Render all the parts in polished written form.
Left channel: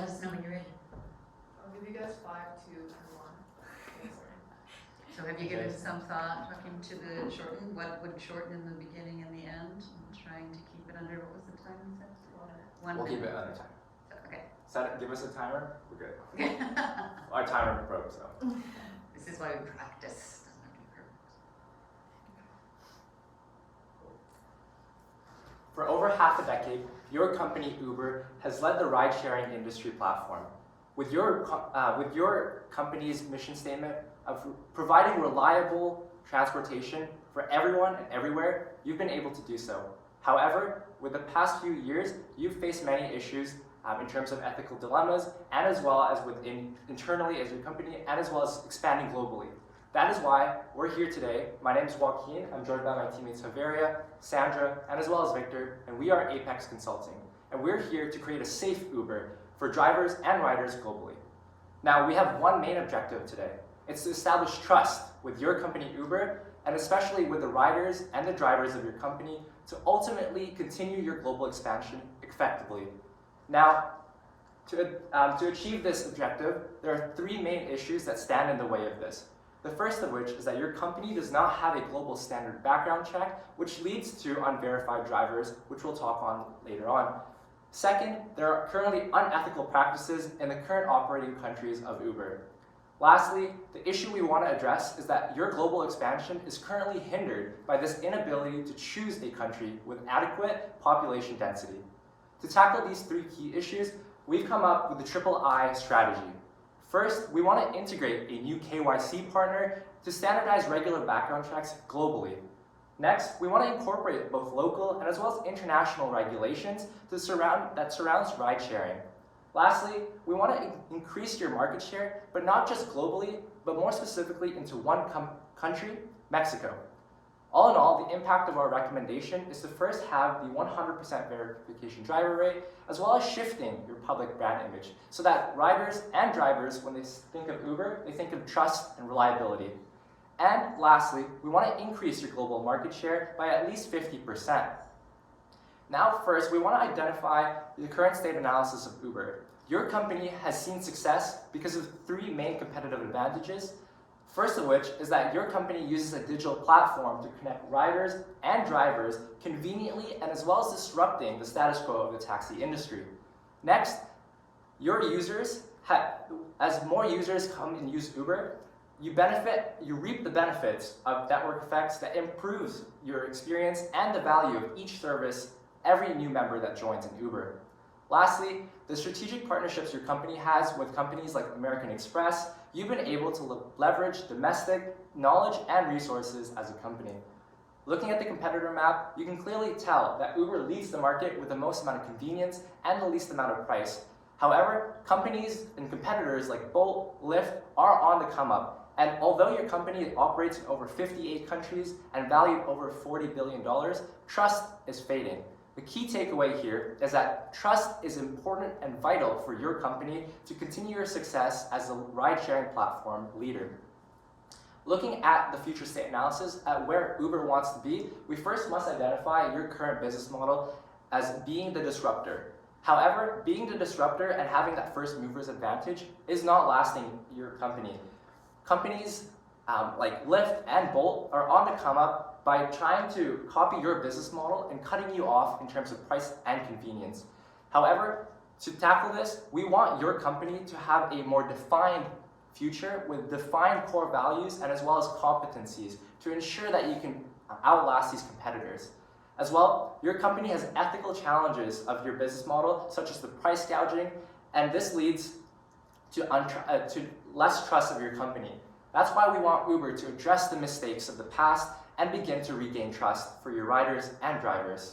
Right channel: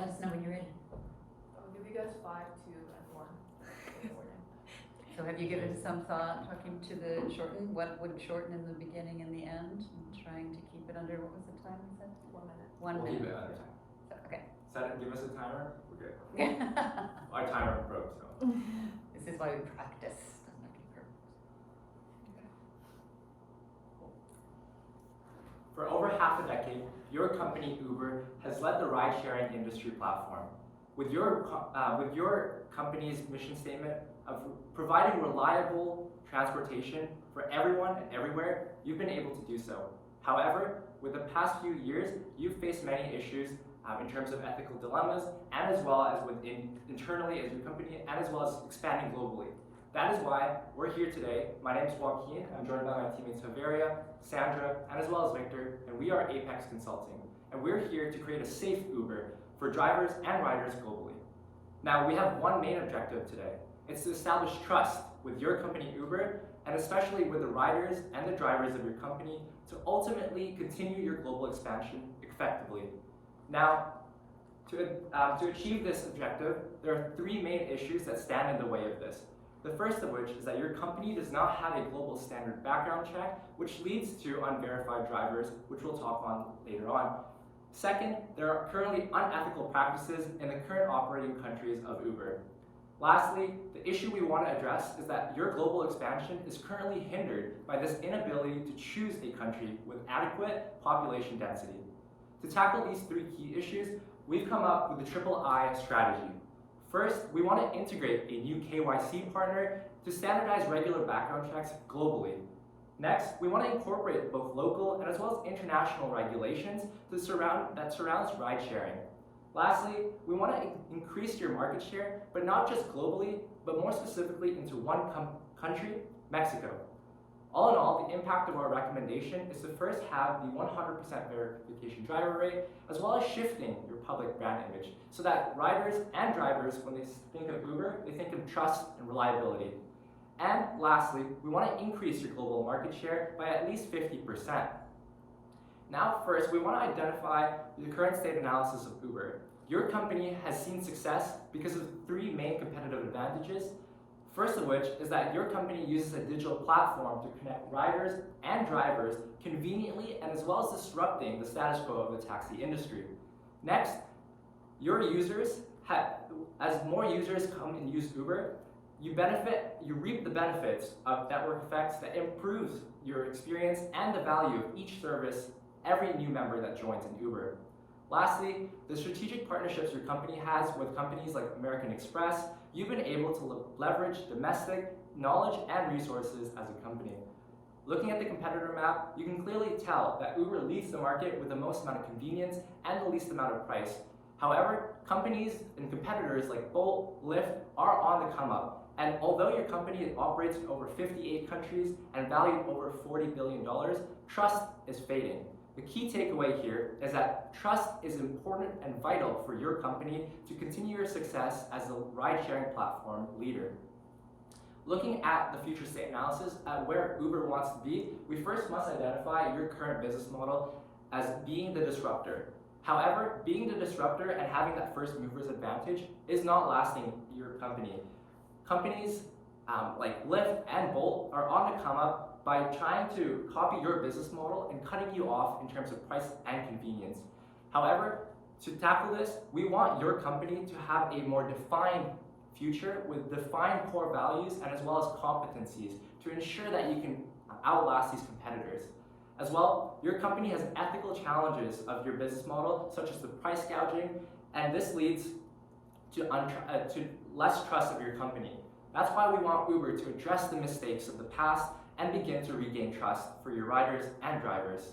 let us know when you're ready. I'll give you guys 5, 2, and 1. So have you given some thought, talking to the shorten, what would shorten in the beginning and the end, and trying to keep it under, what was the time you said? 1 We'll minute. keep it under time. So, okay. Set it, give us a timer, we're good. Our timer broke, so. This is why we practice. Doesn't have to be perfect. For over half a decade, your company, Uber, has led the ride-sharing industry platform. With your company's mission statement of providing reliable transportation for everyone and everywhere, you've been able to do so. However, with the past few years, you've faced many issues in terms of ethical dilemmas, and as well as internally as your company, and as well as expanding globally. That is why we're here today. My name is Joaquin. I'm joined by my teammates Javeria, Sandra, and as well as Victor, and we are Apex Consulting. And we're here to create a safe Uber for drivers and riders globally. Now, we have one main objective today. It's to establish trust with your company, Uber, and especially with the riders and the drivers of your company to ultimately continue your global expansion effectively. Now, to achieve this objective, there are 3 main issues that stand in the way of this. The first of which is that your company does not have a global standard background check, which leads to unverified drivers, which we'll talk on later on. Second, there are currently unethical practices in the current operating countries of Uber. Lastly, the issue we want to address is that your global expansion is currently hindered by this inability to choose a country with adequate population density. To tackle these 3 key issues, we've come up with the triple I strategy. First, we want to integrate a new KYC partner to standardize regular background checks globally. Next, we want to incorporate both local and as well as international regulations that surrounds ride sharing. Lastly, we want to increase your market share, but not just globally, but more specifically into one country, Mexico. All in all, the impact of our recommendation is to first have the 100% verification driver rate, as well as shifting your public brand image, so that riders and drivers, when they think of Uber, they think of trust and reliability. And lastly, we want to increase your global market share by at least 50%. Now first, we want to identify the current state analysis of Uber. Your company has seen success because of 3 main competitive advantages. First of which is that your company uses a digital platform to connect riders and drivers conveniently and as well as disrupting the status quo of the taxi industry. Next, your users, as more users come and use Uber, you reap the benefits of network effects that improves your experience and the value of each service every new member that joins in Uber. Lastly, the strategic partnerships your company has with companies like American Express, you've been able to leverage domestic knowledge and resources as a company. Looking at the competitor map, you can clearly tell that Uber leads the market with the most amount of convenience and the least amount of price. However, companies and competitors like Bolt, Lyft are on the come up. And although your company operates in over 58 countries and valued over $40 billion, trust is fading. The key takeaway here is that trust is important and vital for your company to continue your success as a ride-sharing platform leader. Looking at the future state analysis at where Uber wants to be, we first must identify your current business model as being the disruptor. However, being the disruptor and having that first mover's advantage is not lasting your company. Companies like Lyft and Bolt are on the come up by trying to copy your business model and cutting you off in terms of price and convenience. However, to tackle this, we want your company to have a more defined future with defined core values and as well as competencies to ensure that you can outlast these competitors. As well, your company has ethical challenges of your business model, such as the price gouging, and this leads to less trust of your company. That's why we want Uber to address the mistakes of the past and begin to regain trust for your riders and drivers.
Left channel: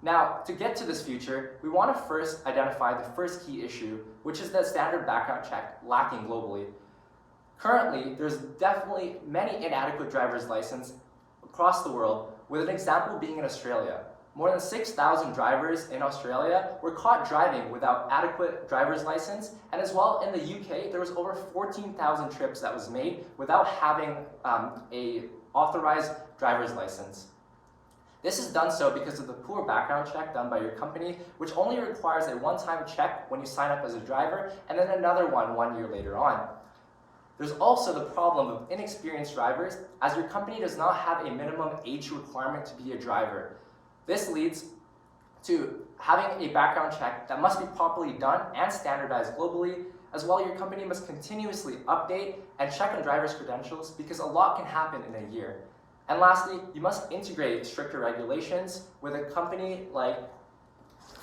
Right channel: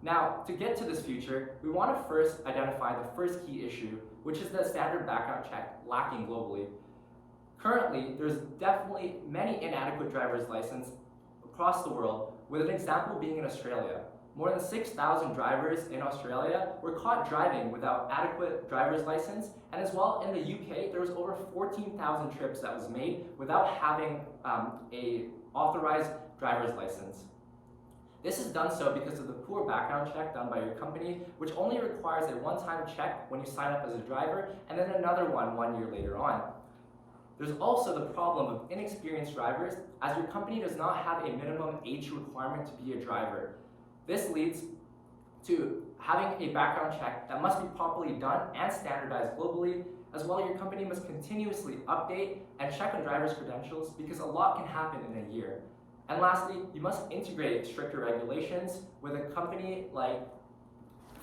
Now, to get to this future, we want to first identify the first key issue, which is the standard background check lacking globally. Currently, there's definitely many inadequate driver's licenses across the world, with an example being in Australia. More than 6,000 drivers in Australia were caught driving without adequate driver's license, and as well in the UK, there was over 14,000 trips that was made without having a authorized driver's license. This is done so because of the poor background check done by your company, which only requires a one-time check when you sign up as a driver, and then another one year later on. There's also the problem of inexperienced drivers, as your company does not have a minimum age requirement to be a driver. This leads to having a background check that must be properly done and standardized globally. As well, your company must continuously update and check on drivers' credentials because a lot can happen in a year. And lastly, you must integrate stricter regulations with a company like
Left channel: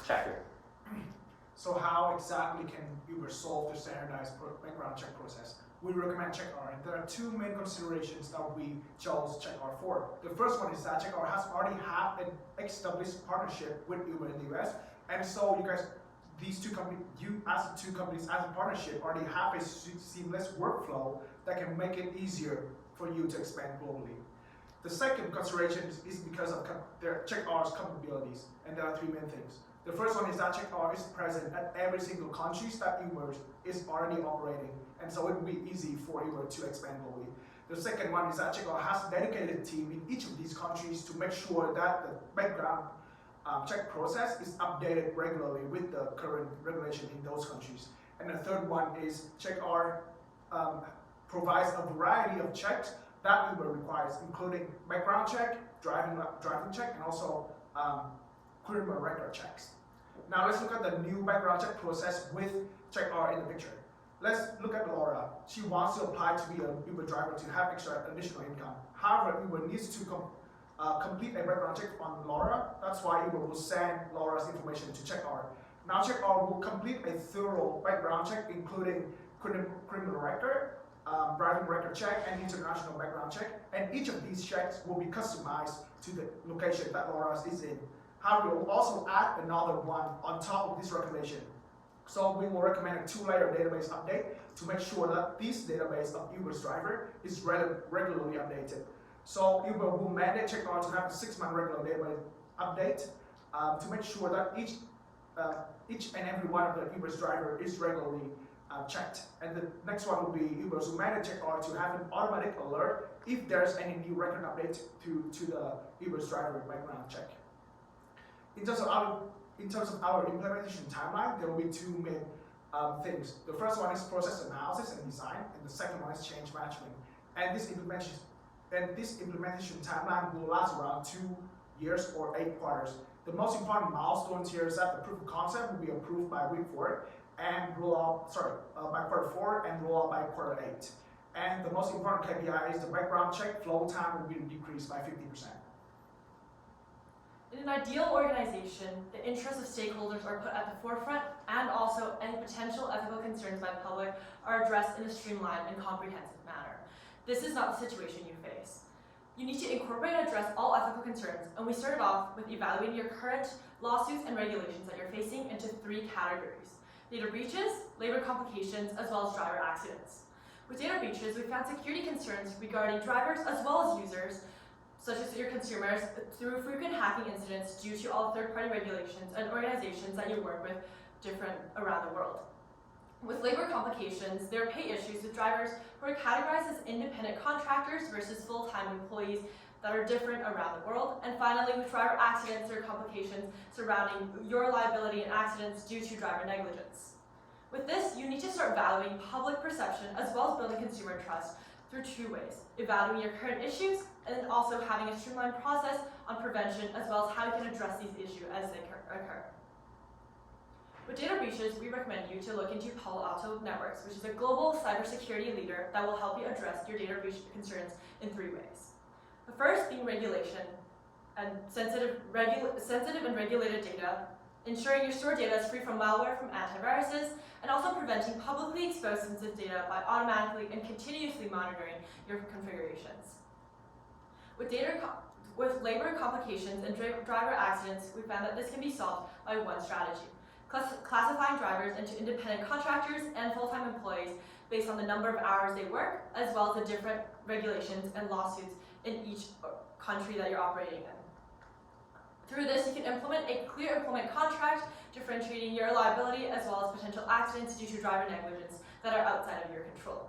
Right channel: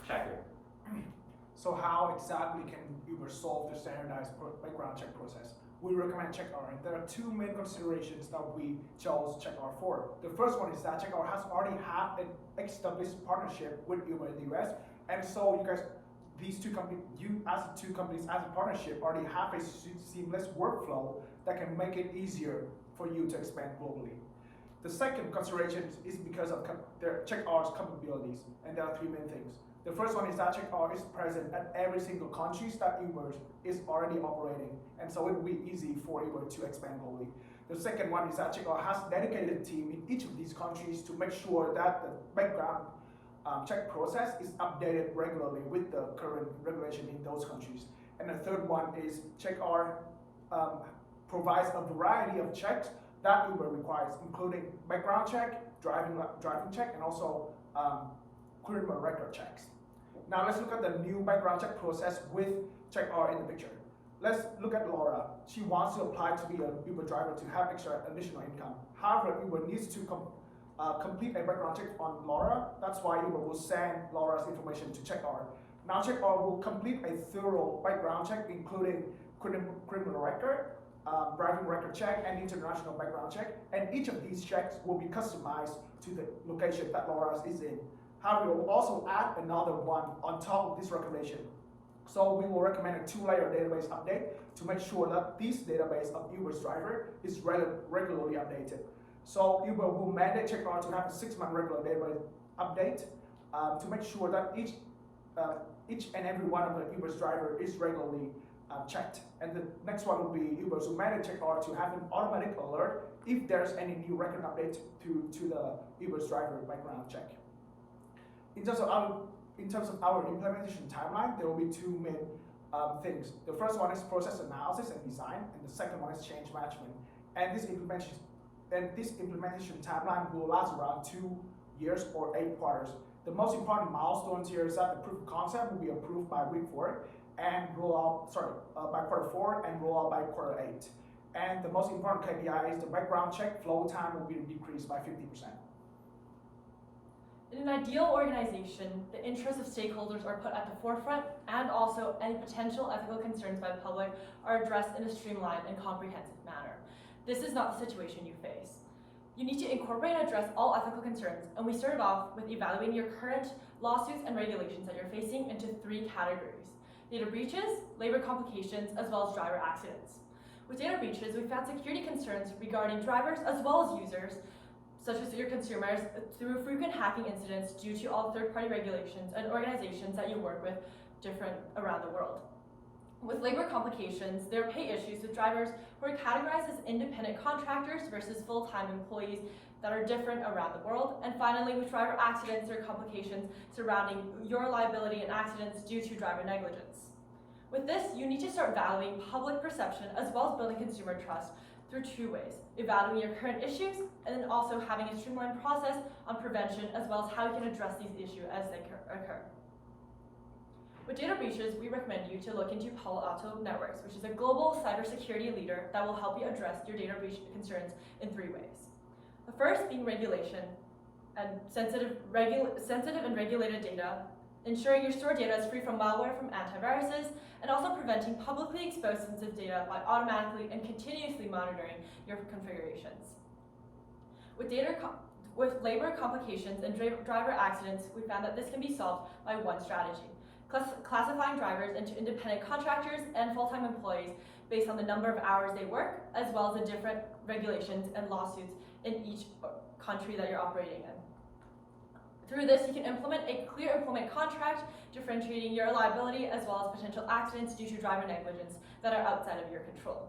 Checker. So how exactly can Uber solve the standardized background check process? We recommend CheckR, and there are two main considerations that we chose CheckR for. The first one is that CheckR has already had an established partnership with Uber in the US, and so you guys, you as two companies as a partnership already have a seamless workflow that can make it easier for you to expand globally. The second consideration is because of CheckR's capabilities, and there are three main things. The first one is that CheckR is present at every single country that Uber is already operating, and so it will be easy for Uber to expand globally. The second one is that CheckR has a dedicated team in each of these countries to make sure that the background check process is updated regularly with the current regulation in those countries. And the third one is CheckR provides a variety of checks that Uber requires, including background check, driving check, and also criminal record checks. Now let's look at the new background check process with CheckR in the picture. Let's look at Laura. She wants to apply to be an Uber driver to have extra additional income. However, Uber needs to complete a background check on Laura. That's why Uber will send Laura's information to CheckR. Now CheckR will complete a thorough background check, including criminal record, driving record check, and international background check. And each of these checks will be customized to the location that Laura is in. However, we will also add another one on top of this recommendation. So we will recommend a two-layer database update to make sure that this database of Uber's driver is regularly updated. So Uber will mandate CheckR to have a 6-month regular database update to make sure that each and every one of the Uber's driver is regularly checked. And the next one will be Uber will mandate CheckR to have an automatic alert if there's any new record update to the Uber's driver background check. In terms of our implementation timeline, there will be two main things. The first one is process analysis and design, and the second one is change management. And this implementation timeline will last around 2 years or 8 quarters. The most important milestones here is that the proof of concept will be approved by week 4 and by quarter 4 and roll out by quarter 8. And the most important KPI is the background check flow time will be decreased by 50%. In an ideal organization, the interests of stakeholders are put at the forefront, and also any potential ethical concerns by the public are addressed in a streamlined and comprehensive manner. This is not the situation you face. You need to incorporate and address all ethical concerns, and we started off with evaluating your current lawsuits and regulations that you're facing into 3 categories: data breaches, labor complications, as well as driver accidents. With data breaches, we found security concerns regarding drivers as well as users, such as your consumers, through frequent hacking incidents due to all third-party regulations and organizations that you work with different around the world. With labor complications, there are pay issues with drivers who are categorized as independent contractors versus full-time employees that are different around the world. And finally, with driver accidents, there are complications surrounding your liability in accidents due to driver negligence. With this, you need to start valuing public perception as well as building consumer trust through 2 ways: evaluating your current issues, and then also having a streamlined process on prevention as well as how you can address these issues as they occur. With data breaches, we recommend you to look into Palo Alto Networks, which is a global cybersecurity leader that will help you address your data breach concerns in 3 ways. The first being regulation and sensitive and regulated data, ensuring your stored data is free from malware from antiviruses, and also preventing publicly exposed sensitive data by automatically and continuously monitoring your configurations. With labor complications and driver accidents, we found that this can be solved by one strategy: classifying drivers into independent contractors and full-time employees based on the number of hours they work, as well as the different regulations and lawsuits in each country that you're operating in. Through this, you can implement a clear employment contract, differentiating your liability as well as potential accidents due to driver negligence that are outside of your control.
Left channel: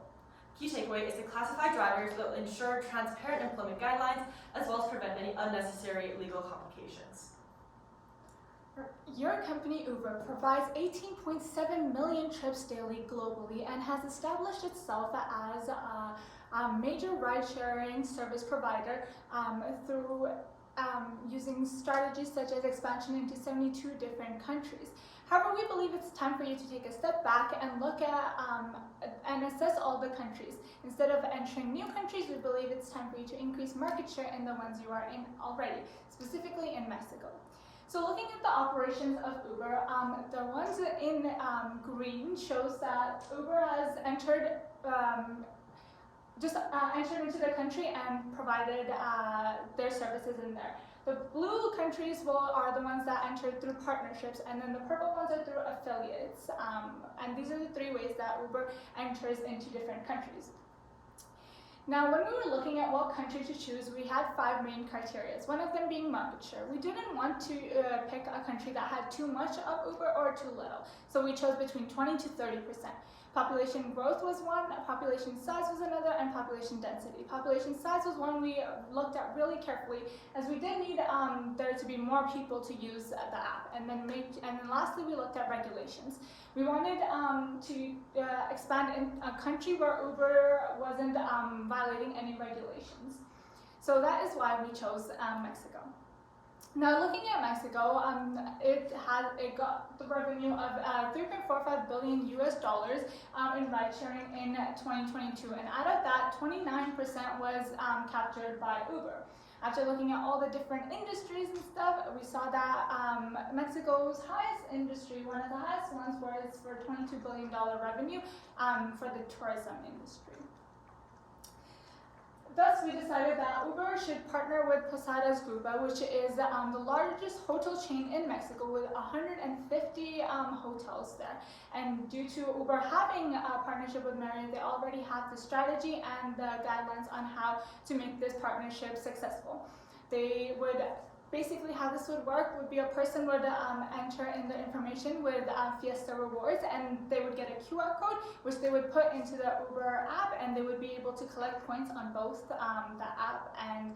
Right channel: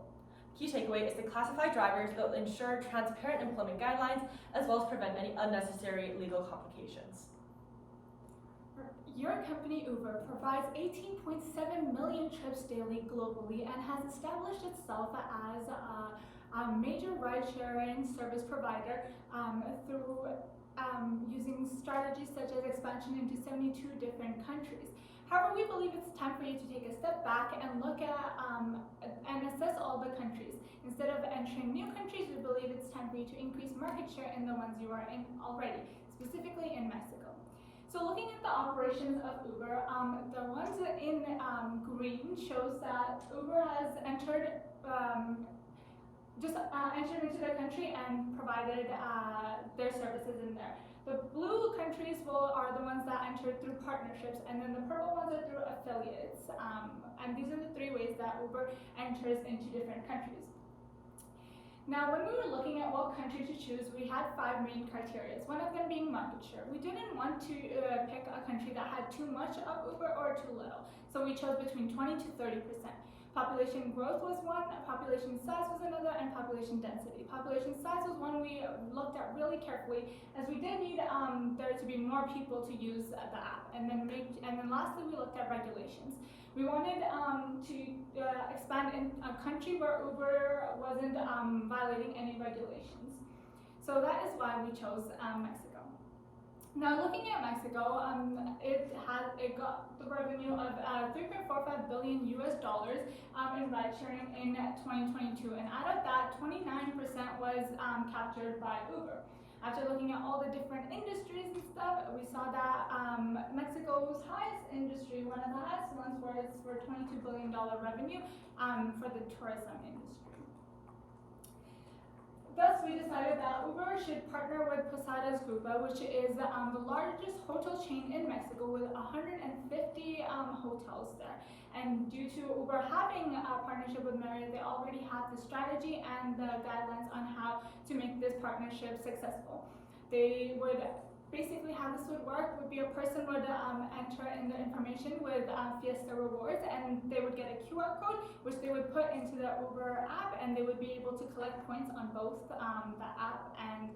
Key takeaway is to classify drivers that will ensure transparent employment guidelines as well as prevent any unnecessary legal complications. Your company Uber provides 18.7 million trips daily globally and has established itself as a major ride-sharing service provider through using strategies such as expansion into 72 different countries. However, we believe it's time for you to take a step back and look at and assess all the countries. Instead of entering new countries, we believe it's time for you to increase market share in the ones you are in already, specifically in Mexico. So looking at the operations of Uber, the ones in green shows that Uber has entered entered into the country and provided their services in there. The blue countries are the ones that entered through partnerships, and then the purple ones are through affiliates. And these are the three ways that Uber enters into different countries. Now, when we were looking at what country to choose, we had 5 main criteria, one of them being market share. We didn't want to pick a country that had too much of Uber or too little, so we chose between 20 to 30%. Population growth was one, population size was another, and population density. Population size was one we looked at really carefully, as we did need there to be more people to use the app. And then lastly, we looked at regulations. We wanted to expand in a country where Uber wasn't violating any regulations. So that is why we chose Mexico. Now, looking at Mexico, it got the revenue of $3.45 billion in ride sharing in 2022, and out of that, 29% was captured by Uber. After looking at all the different industries and stuff, we saw that Mexico's highest industry, one of the highest ones, was for $22 billion revenue for the tourism industry. Thus, we decided that Uber should partner with Posadas Grupo, which is the largest hotel chain in Mexico with 150 hotels there. And due to Uber having a partnership with Marriott, they already have the strategy and the guidelines on how to make this partnership successful. They would basically, how this would work would be a person would enter in the information with Fiesta Rewards, and they would get a QR code which they would put into the Uber app, and they would be able to collect points on both the app and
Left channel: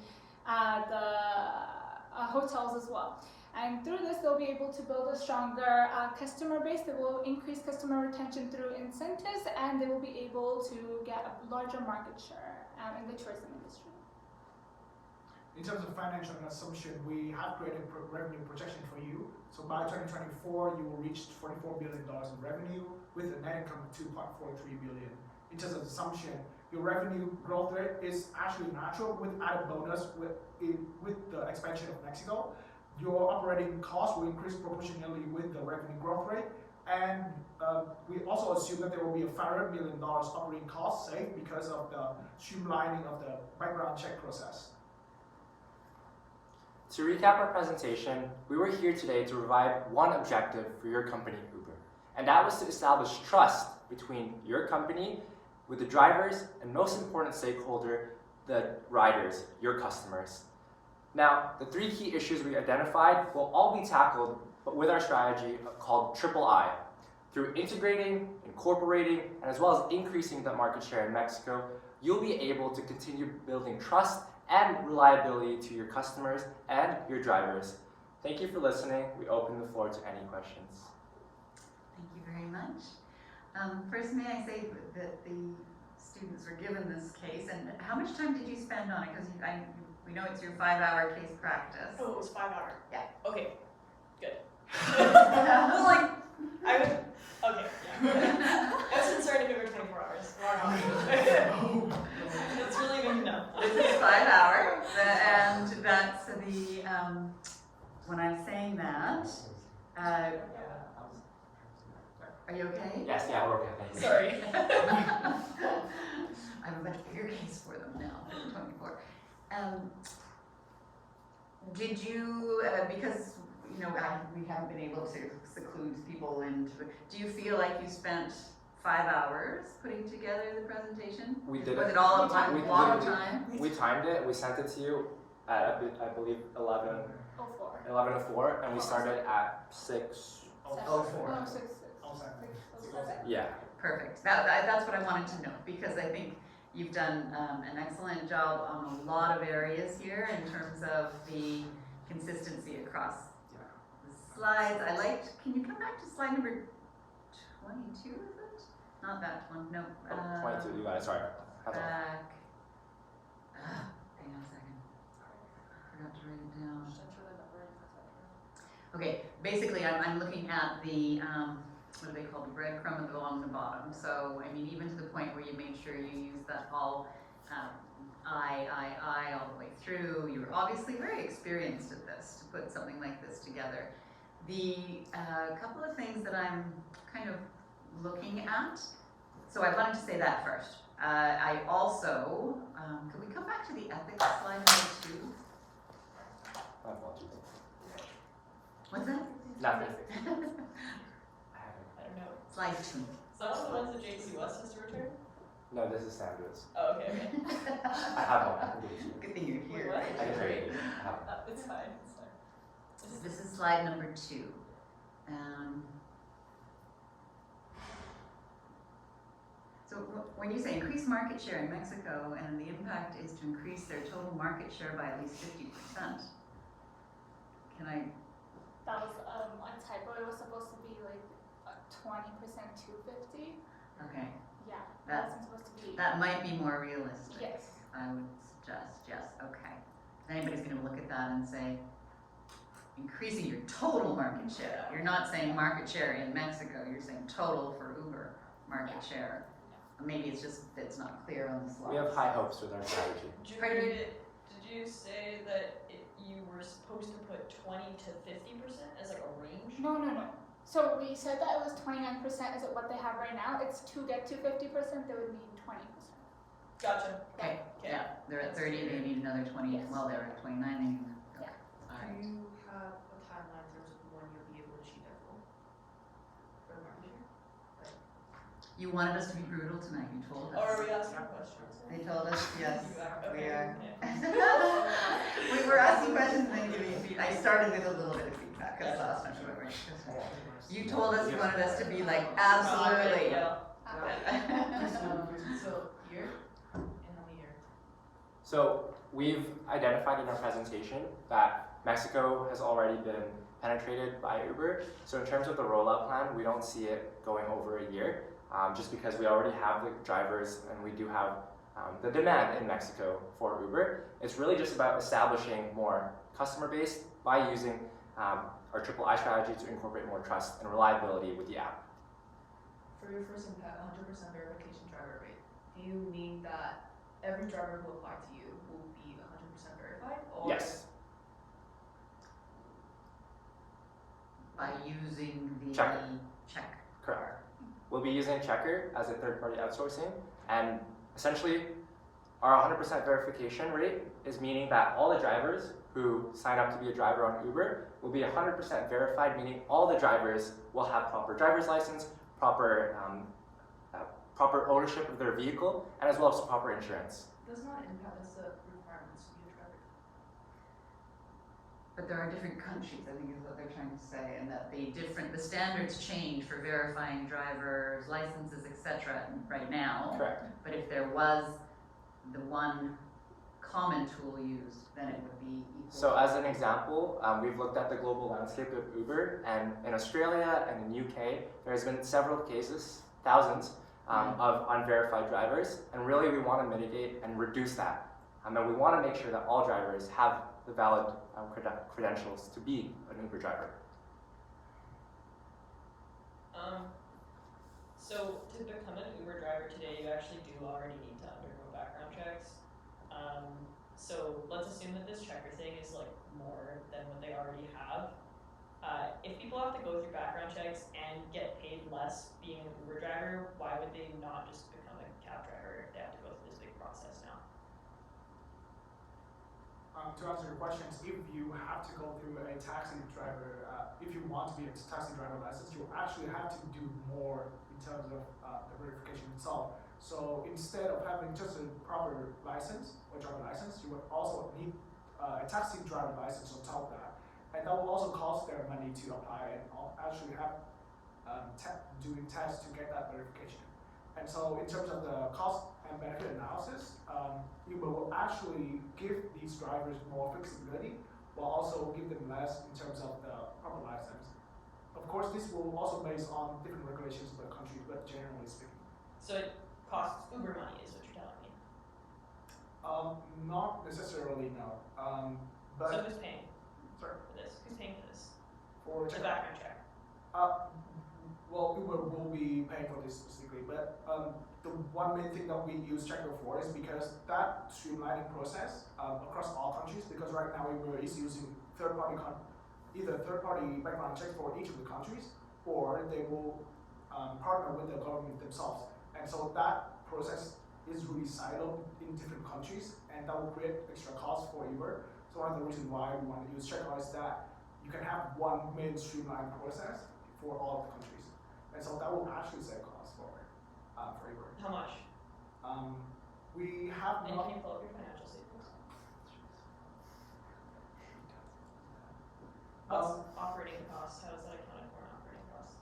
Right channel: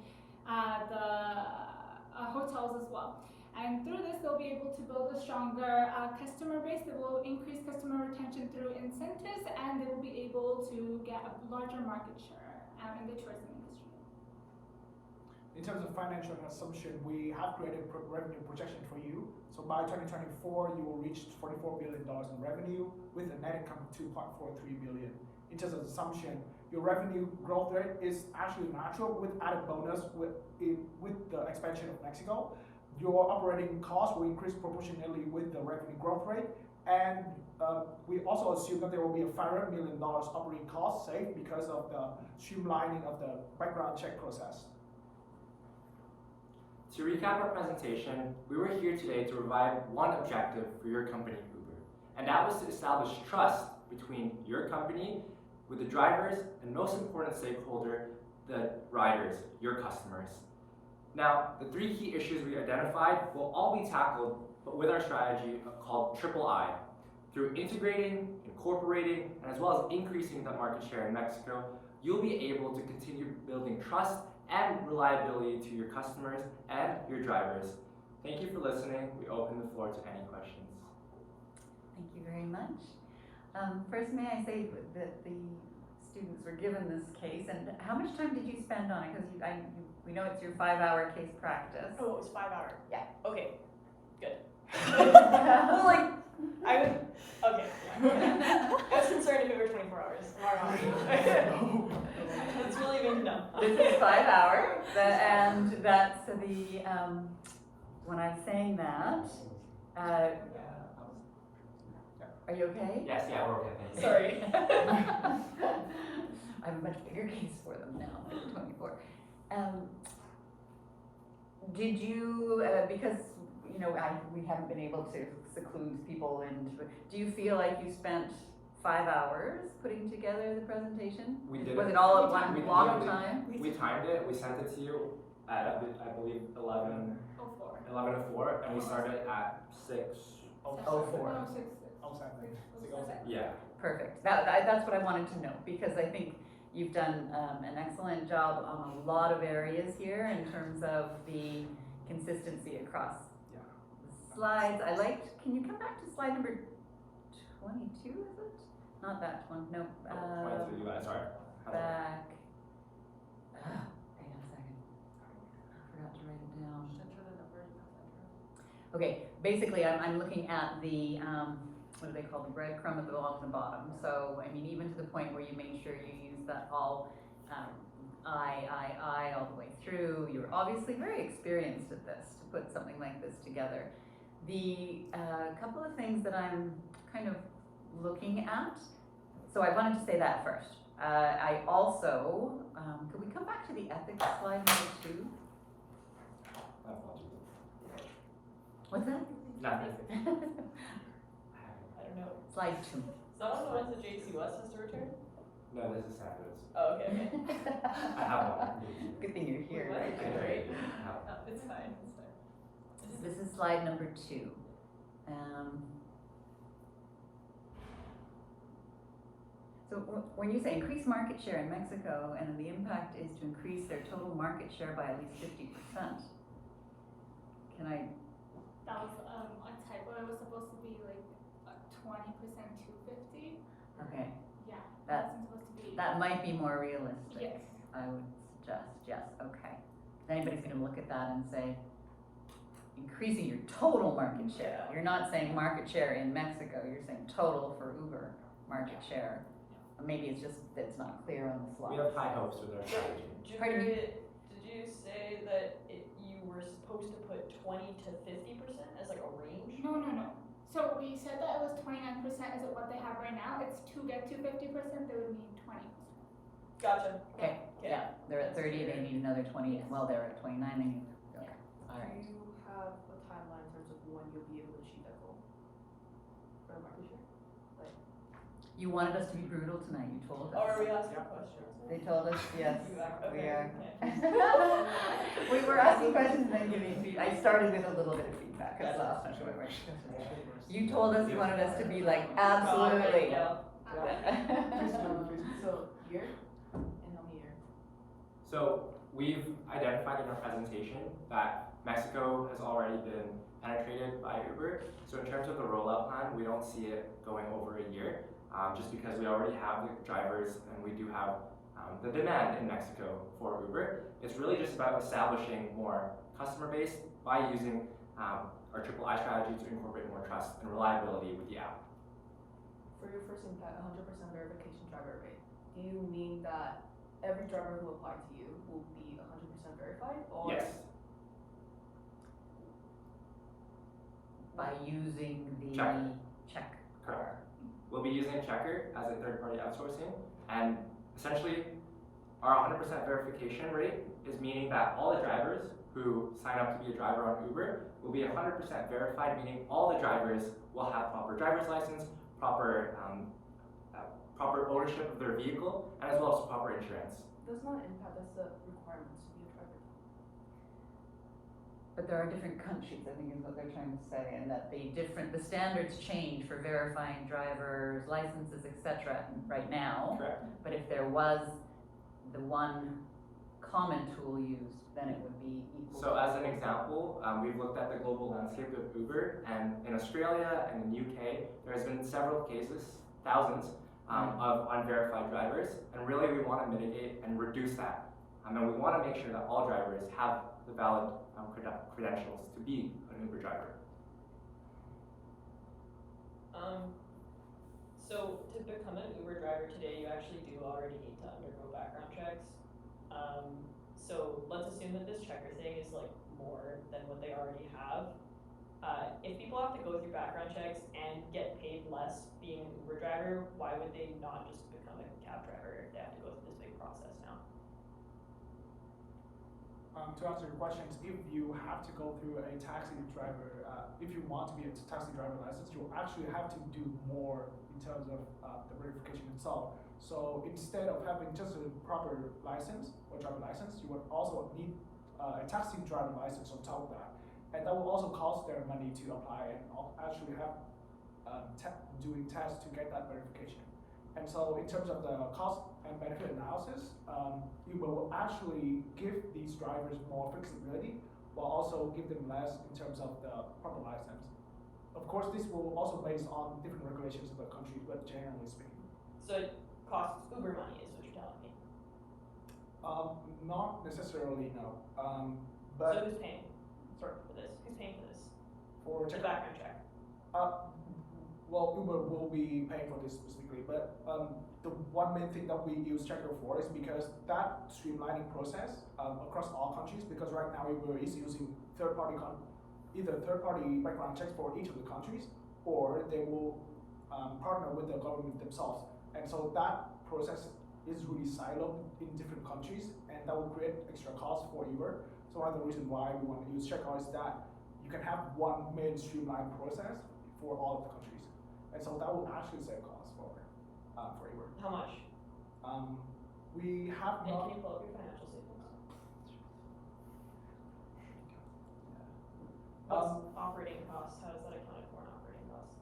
the hotels as well. And through this, they'll be able to build a stronger customer base. They will increase customer retention through incentives, and they will be able to get a larger market share in the tourism industry. In terms of financial assumption, we have created revenue projection for you. So by 2024, you will reach $44 billion in revenue with a net income of $2.43 billion. In terms of assumption, your revenue growth rate is actually natural with added bonus with the expansion of Mexico. Your operating costs will increase proportionally with the revenue growth rate. And we also assume that there will be a $500 million operating cost saved because of the streamlining of the background check process. To recap our presentation, we were here today to provide one objective for your company, Uber, and that was to establish trust between your company with the drivers and, most important stakeholder, the riders, your customers. Now, the 3 key issues we identified will all be tackled, but with our strategy called Triple I. Through integrating, incorporating, and as well as increasing the market share in Mexico, you'll be able to continue building trust and reliability to your customers and your drivers. Thank you for listening. We open the floor to any questions. Thank you very much. First, may I say that the students were given this case, and how much time did you spend on it? Because we know it's your 5-hour case practice. Oh, it was 5 hours. Yeah. Okay, good. I was like, okay. I was concerned if it were 24 hours. It's really good to know. This is 5 hours, and that's the, when I'm saying that, are you okay? Yes, yeah, we're okay, thank you. Sorry. I have a much bigger case for them now, for the 24. Did you, because, you know, we haven't been able to seclude people into it, do you feel like you spent 5 hours putting together the presentation? We did Was it. it all at one We block did of it. time? We timed it, we sent it to you at, I believe, 11:04, and we started at 6:04. 6. Yeah. Perfect. That's what I wanted to know, because I think You've done an excellent job on a lot of areas here in terms of the consistency across the slides. I liked, can you come back to slide number 22, is it? Not that one, no. 22, you got it, sorry. Back. Hang on a second. I forgot to write it down. Okay, basically I'm looking at the, what do they call the breadcrumb along the bottom. So, I mean, even to the point where you make sure you use that all I all the way through. You're obviously very experienced at this, to put something like this together. The couple of things that I'm kind of looking at, so I wanted to say that first. I also, could we come back to the ethics slide number 2? What's that? Nothing. I don't know. Slide 2. Someone wants the JC West has to return? No, this is Sanders. Oh, okay. I have one. I can give it to you. Good thing you're here. What? I can trade you. I have one. It's fine, it's fine. This is slide number 2. So when you say increase market share in Mexico and the impact is to increase their total market share by at least 50%, can I? That was a typo. It was supposed to be like 20% to 50. Okay, Yeah, That- wasn't supposed to be. that might be more realistic. Yes. I would suggest, yes, okay. Anybody's gonna look at that and say, increasing your total market share. You're not saying market share in Mexico, you're saying total for Uber market share. Or maybe it's just that it's not clear on the slide. We have high hopes with our strategy. Pardon me? Did you say that you were supposed to put 20 to 50% as like a range? No. So we said that it was 29% is what they have right now. It's to get to 50%, they would need 20%. Gotcha. Okay, yeah, they're at 30, they need another 20, Yes. well, they're at 29, they need, okay, Do alright. you have a timeline in terms of when you'll be able to achieve that goal? For market share? You wanted us to be brutal tonight, you told us. Or are we asking questions? They told us, yes, You are, we okay, are. okay. We were asking questions and then giving feedback. I started with a little bit of feedback, because last time we were. You told us you wanted us to be like, absolutely. So, year? In how many year? So we've identified in our presentation that Mexico has already been penetrated by Uber. So in terms of the rollout plan, we don't see it going over a year, just because we already have the drivers and we do have the demand in Mexico for Uber. It's really just about establishing more customer base by using our triple I strategy to incorporate more trust and reliability with the app. For your first impact, 100% verification driver rate, do you mean that every driver who applied to you will be 100% verified? Or Yes. By using the Checker. check. Correct. We'll be using Checker as a third-party outsourcing, and essentially, our 100% verification rate is meaning that all the drivers who sign up to be a driver on Uber will be 100% verified, meaning all the drivers will have proper driver's license, proper ownership of their vehicle, and as well as proper insurance. does not impact that's the requirements to be a driver. But there are different countries, I think is what they're trying to say, and that the standards change for verifying drivers, licenses, etc. right now. Correct. But if there was the one common tool used, then it would be equal. So as an example, we've looked at the global landscape of Uber, and in Australia and in UK, there's been several cases, thousands, of unverified drivers, and really we want to mitigate and reduce that. And we want to make sure that all drivers have the valid credentials to be an Uber driver. So to become an Uber driver today, you actually do already need to undergo background checks. So let's assume that this checker thing is like more than what they already have. If people have to go through background checks and get paid less being an Uber driver, why would they not just become a cab driver if they have to go through this big process now? To answer your questions, if you have to go through a taxi driver, if you want to be a taxi driver license, you actually have to do more in terms of the verification itself. So instead of having just a proper license or driver license, you would also need a taxi driver license on top of that. And that will also cost them money to apply and actually have doing tests to get that verification. And so in terms of the cost and benefit analysis, Uber will actually give these drivers more flexibility, but also give them less in terms of the proper license. Of course, this will also based on different regulations per country, but generally speaking. So it costs Uber money, is what you're telling me. Not necessarily, no. So But who's paying sorry, for this? Who's paying for this? for The background check. well, Uber will be paying for this specifically, but the one main thing that we use Checker for is because that streamlining process across all countries. Because right now Uber is using either third-party background checks for each of the countries, or they will partner with the government themselves. And so that process is really siloed in different countries, and that will create extra costs for Uber. So one of the reasons why we want to use Checker is that you can have one main streamlined process for all of the countries, and so that will actually save costs for Uber. How much? We have And not. can you pull up your financial statements? What's operating costs? How is that accounted for in operating costs?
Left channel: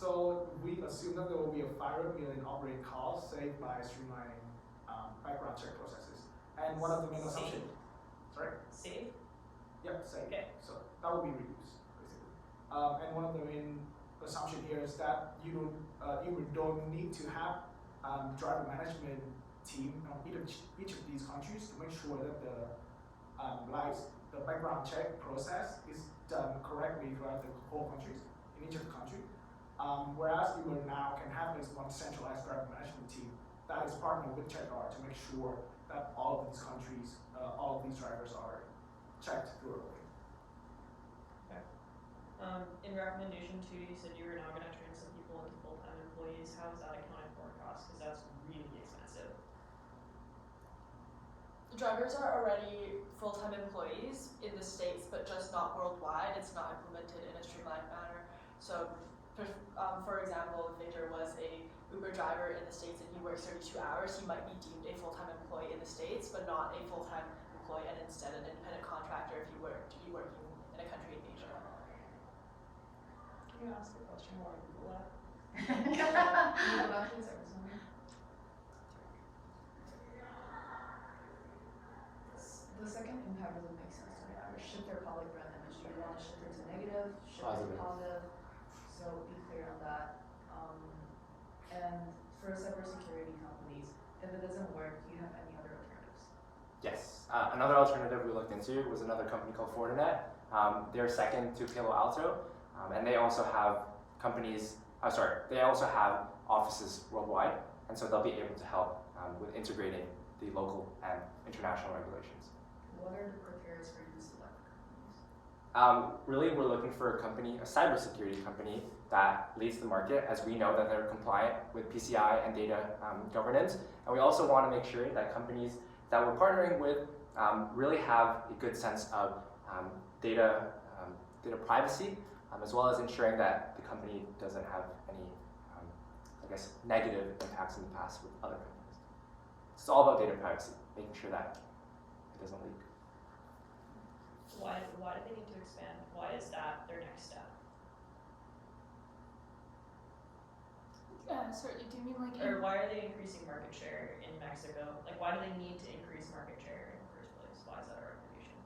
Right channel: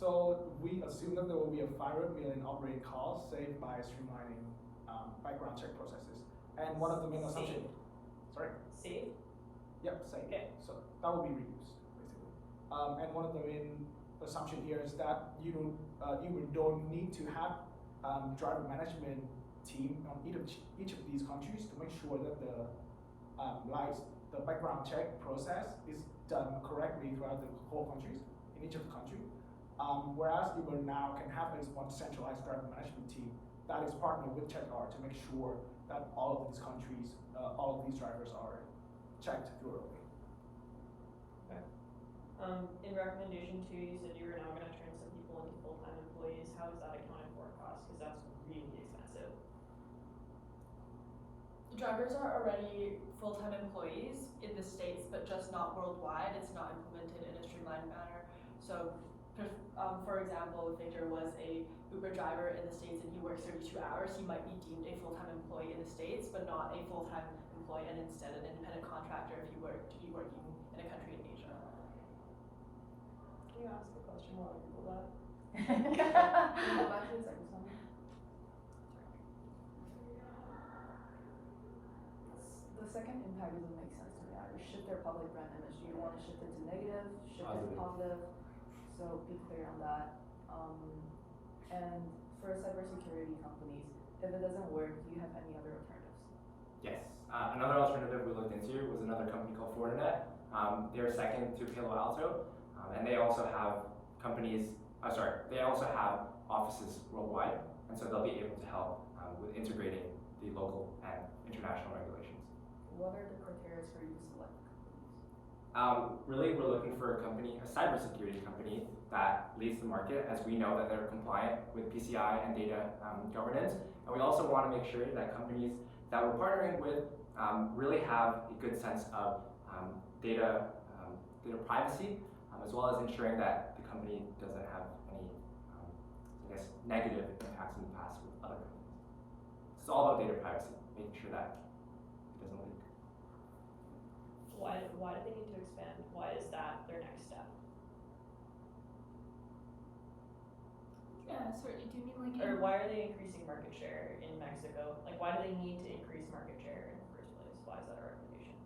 So we assume that there will be a 500 million operating costs saved by streamlining background check processes, and one of the main assumptions. Sorry. Save? Yep, saved. Okay. So that will be reused basically. And one of the main assumption here is that you don't need to have driver management team on each of these countries to make sure that the background check process is done correctly throughout the whole countries in each of the country. Whereas Uber now can have this one centralized driver management team that is partnered with Checkr to make sure that all of these countries, all of these drivers are checked thoroughly. In recommendation 2, you said you were now going to turn some people into full-time employees. How is that accounting for costs? Because that's really expensive. The drivers are already full-time employees in the States, but just not worldwide. It's not implemented in a streamlined manner. So, for example, if there was a Uber driver in the States and he works 32 hours, he might be deemed a full-time employee in the States, but not a full-time employee, and instead an independent contractor if he were to be working in a country in Asia. Can you ask a question more on Google that? The second impact doesn't make sense to me. Either shift their public brand image. Do you want to shift it to negative, shift it to positive? So be clear on that. And for cybersecurity companies, if it doesn't work, do you have any other alternatives? Yes. Another alternative we looked into was another company called Fortinet. They're second to Palo Alto, and they also have they also have offices worldwide, and so they'll be able to help with integrating the local and international regulations. What are the criteria for you to select companies? Really, we're looking for a cybersecurity company that leads the market, as we know that they're compliant with PCI and data governance. And we also want to make sure that companies that we're partnering with really have a good sense of data privacy, as well as ensuring that the company doesn't have any, negative impacts in the past with other companies. It's all about data privacy, making sure that it doesn't leak. Why do they need to expand? Why is that their next step? Sorry, do you mean like? Or why are they increasing market share in Mexico? Like, why do they need to increase market share in the first place? Why is that a recommendation?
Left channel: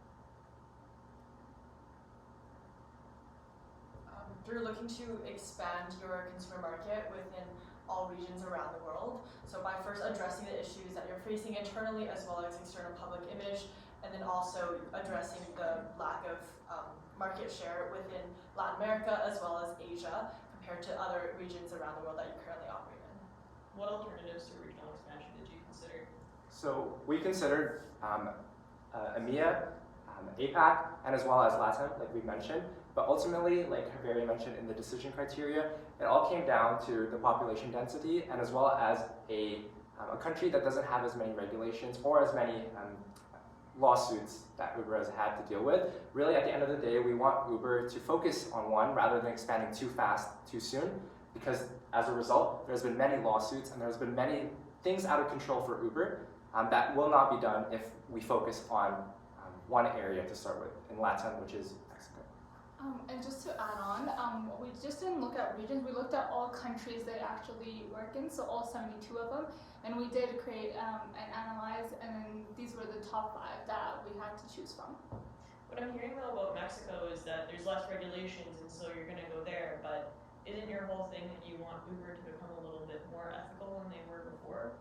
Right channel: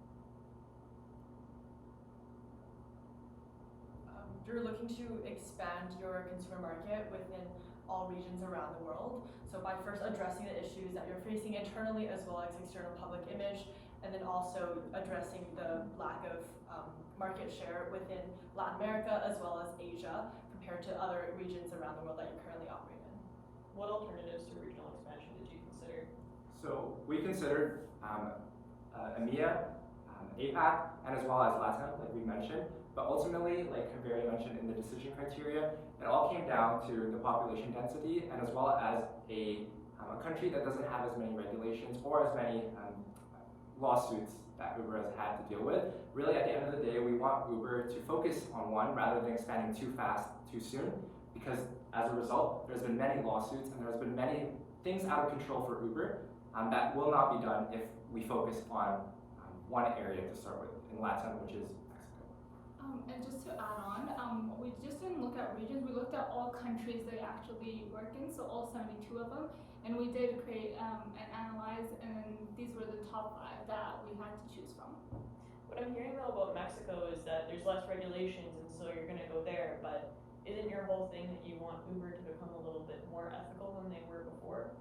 You're looking to expand your consumer market within all regions around the world. So by first addressing the issues that you're facing internally as well as external public image, and then also addressing the lack of market share within Latin America as well as Asia compared to other regions around the world that you currently operate in. What alternatives to regional expansion did you consider? So we considered EMEA, APAC, and as well as LATAM, like we mentioned. But ultimately, like Javier mentioned in the decision criteria, it all came down to the population density and as well as a country that doesn't have as many regulations or as many lawsuits that Uber has had to deal with. Really, at the end of the day, we want Uber to focus on one rather than expanding too fast, too soon, because as a result, there's been many lawsuits and there's been many things out of control for Uber that will not be done if we focus on one area to start with in LATAM, which is Mexico. And just to add on, we just didn't look at regions, we looked at all countries they actually work in, so all 72 of them, and we did create and analyze guys, and then these were the top 5 that we had to choose from. What I'm hearing though about Mexico is that there's less regulations, and so you're gonna go there. But isn't your whole thing that you want Uber to become a little bit more ethical than they were before?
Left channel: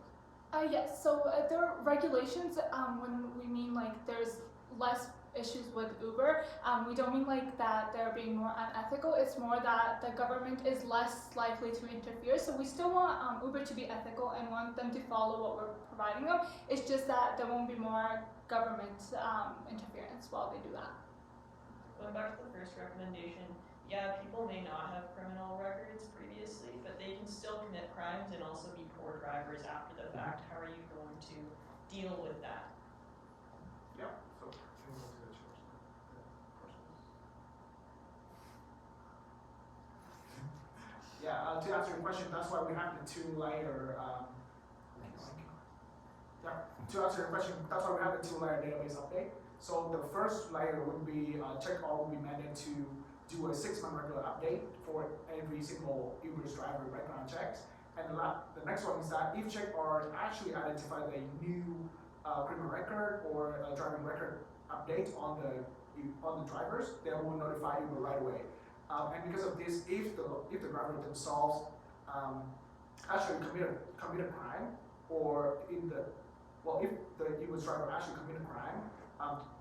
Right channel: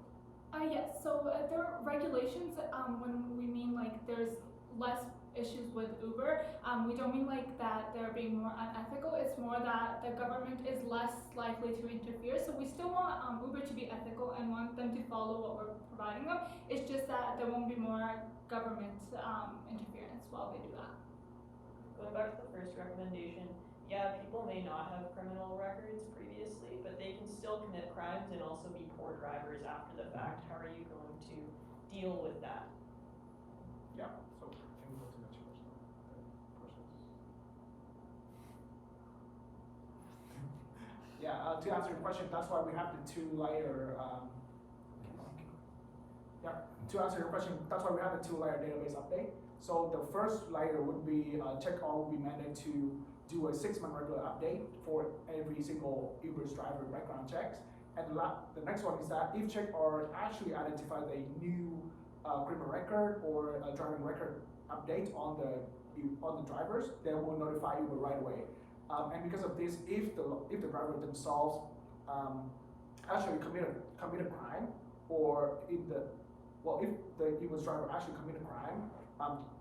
Yes, so there are regulations, when we mean like there's less issues with Uber, we don't mean like that they're being more unethical, it's more that the government is less likely to interfere. So we still want Uber to be ethical and want them to follow what we're providing them. It's just that there won't be more government interference while they do that. Going back to the first recommendation, yeah, people may not have criminal records previously, but they can still commit crimes and also be poor drivers after the fact. How are you going to deal with that? Yeah, so can we go to the next person? Yeah, to answer your question, that's why we have the 2-layer, to answer your question, that's why we have the 2-layer database update. So the first layer would be, check all would be mandated to do a 6-month regular update for every single Uber's driver background checks. And the next one is that if check or actually identified a new criminal record or a driving record update on the drivers, they will notify Uber right away. And because of this, if the driver themselves actually committed a crime, or if the Uber's driver actually committed a crime,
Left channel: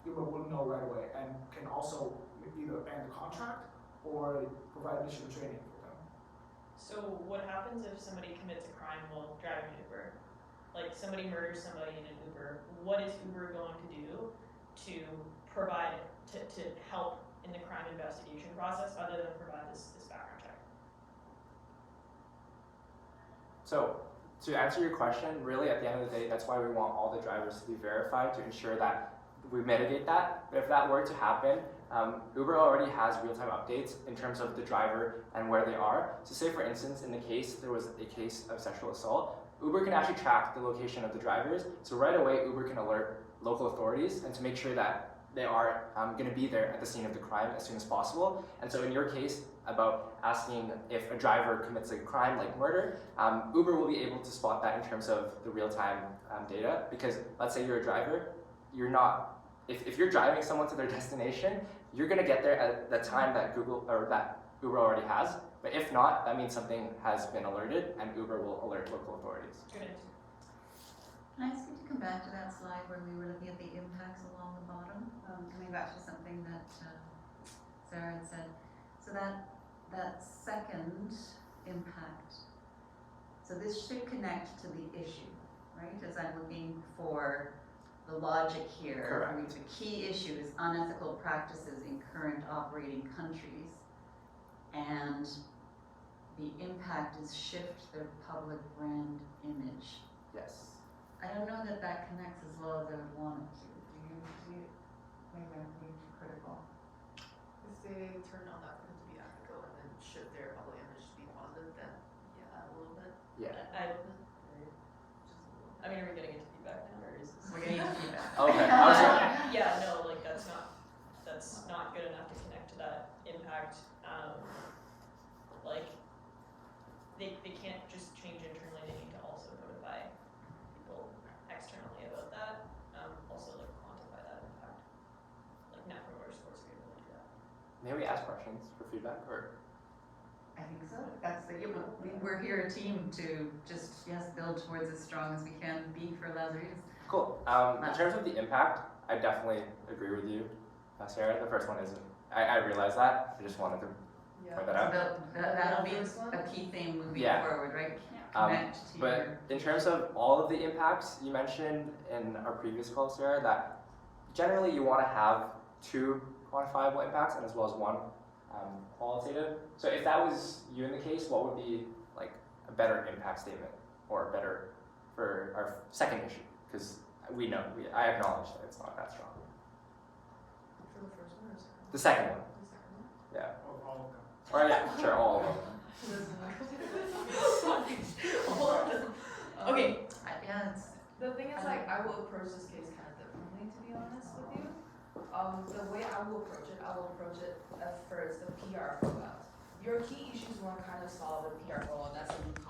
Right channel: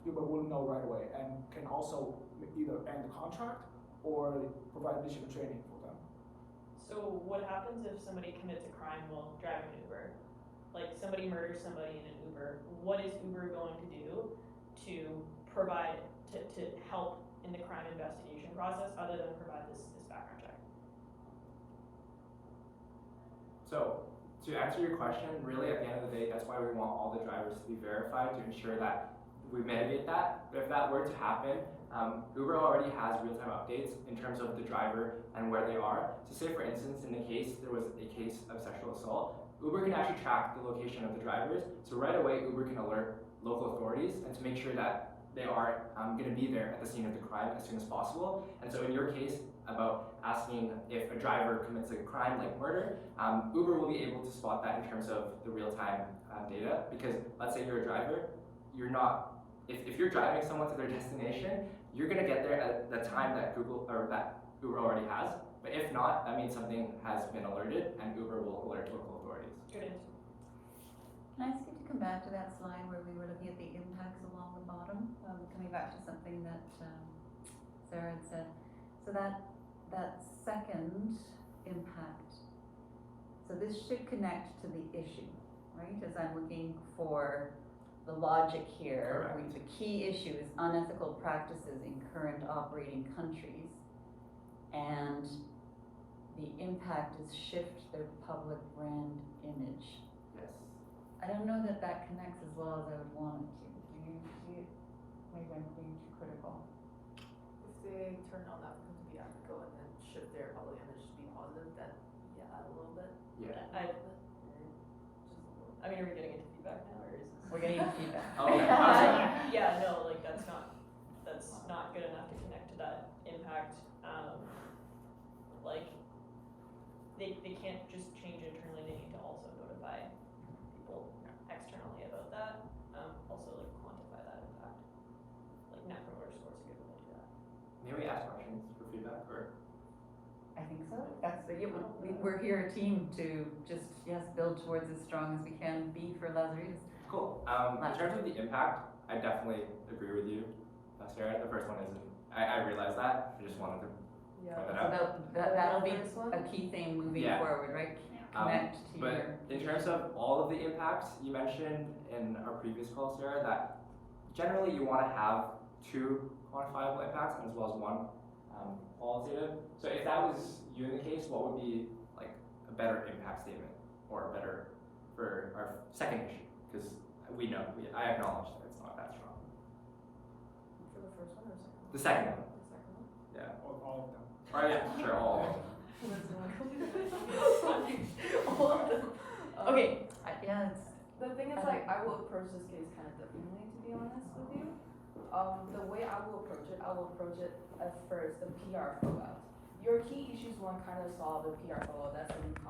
Uber will know right away and can also either end the contract or provide additional training for them. So what happens if somebody commits a crime while driving Uber? Like somebody murders somebody in an Uber. What is Uber going to do to provide to help in the crime investigation process other than provide this background check? So to answer your question, really at the end of the day, that's why we want all the drivers to be verified to ensure that we mitigate that. But if that were to happen, Uber already has real-time updates in terms of the driver and where they are. So say for instance, in the case, there was a case of sexual assault, Uber can actually track the location of the drivers. So right away, Uber can alert local authorities and to make sure that they are going to be there at the scene of the crime as soon as possible. And so in your case, about asking if a driver commits a crime like murder, Uber will be able to spot that in terms of the real-time data. Because let's say you're a driver, you're not, if you're driving someone to their destination, you're going to get there at the time that that Uber already has. But if not, that means something has been alerted and Uber will alert local authorities. Good answer. Can I ask you to come back to that slide where we were looking at the impacts along the bottom? Coming back to something that Sarah had said. So that second impact, so this should connect to the issue, right? As I'm looking for the logic here. Correct. The key issue is unethical practices in current operating countries, and the impact is shift their public brand image. Yes. I don't know that connects as well as I would want it to. Do you see it? Maybe I'm being too critical. If they turn on that to be ethical and then shift their public image to be positive, then yeah, a little bit. Yeah. I mean, are we getting into feedback now, or is this? We're getting feedback. Okay. I was gonna- Yeah, no, like that's not good enough to connect to that impact. Like they can't just change internally, they need to also notify people externally about that. Also like quantify that impact. Like Net Promoter Scores are able to do that. May we ask questions for feedback or? I think so. That's we're here a team to just, build towards as strong as we can be for LaziCC. Cool. In terms of the impact, I definitely agree with you, Sarah. The first one isn't. I realized that. I just wanted to point that out. So that'll be a key thing moving Yeah. forward, right? Yeah. Connect to But in terms of all of the impacts, you mentioned in our previous call, Sarah, that generally you want to have 2 quantifiable impacts and as well as 1 qualitative. So if that was you in the case, what would be like a better impact statement or better for our second issue? Because I acknowledge that it's not that strong. For the first one or second one? The second one, The second one? yeah. Or all of them. Or yeah, sure, all of them. Okay. Yeah, it's The thing is, like, I will approach this case kind of differently, to be honest with you. The way I will approach it at first, the PR fallout. Your key issues won't kind of solve the PR fallout, that's